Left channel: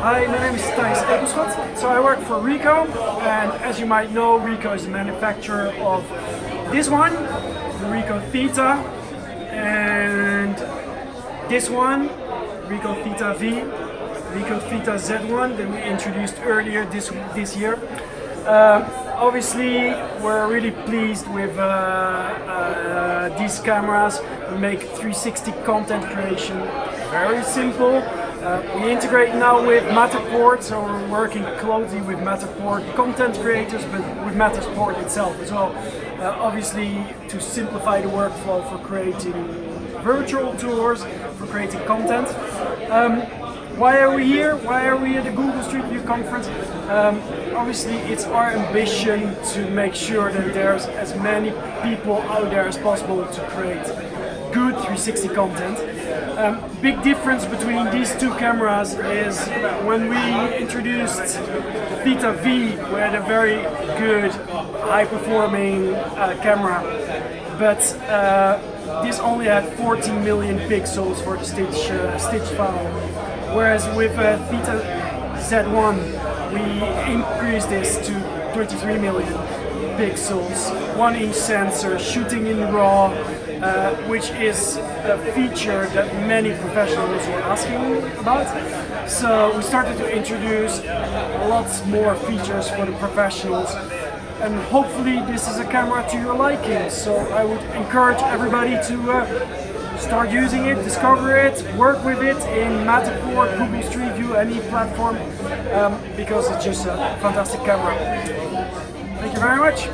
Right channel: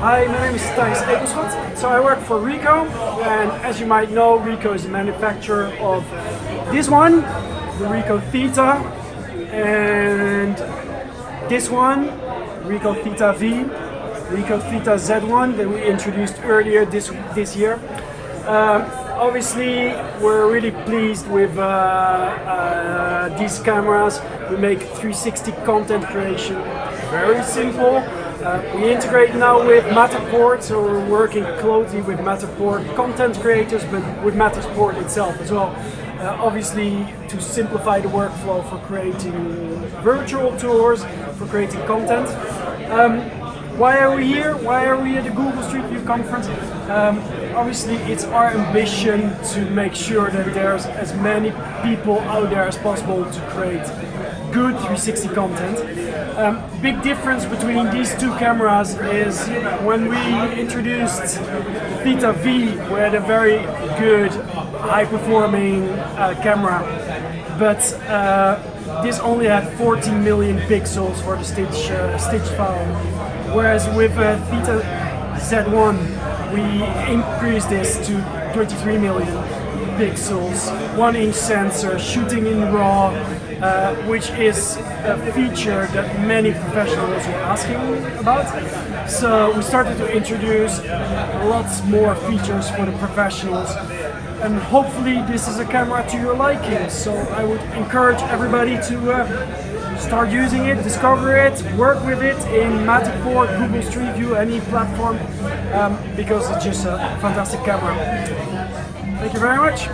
Hi, my name is Thijs Ekelschot. So I work for Ricoh, and as you might know, Ricoh is the manufacturer of this one, the Ricoh Theta, and this one, Ricoh Theta V, Ricoh Theta Z1 that we introduced earlier this year. Obviously, we're really pleased with these cameras. We make 360 content creation very simple. We integrate now with Matterport, so we're working closely with Matterport content creators, but with Matterport itself as well. Obviously, to simplify the workflow for creating virtual tours, for creating content. Why are we here? Why are we at the Google Street View conference? Obviously, it's our ambition to make sure that there's as many people out there as possible to create good 360 content. Big difference between these two cameras is when we introduced the Theta V, we had a very good, high-performing camera, but this only had 14 million pixels for the stitch file. Whereas with Theta Z1, we increased this to 23 million pixels, 1-inch sensor, shooting in RAW, which is a feature that many professionals were asking about. So we started to introduce lots more features for the professionals, and hopefully this is a camera to your liking. So I would encourage everybody to start using it, discover it, work with it in Matterport, Google Street View, any platform, because it's just a fantastic camera. Thank you very much.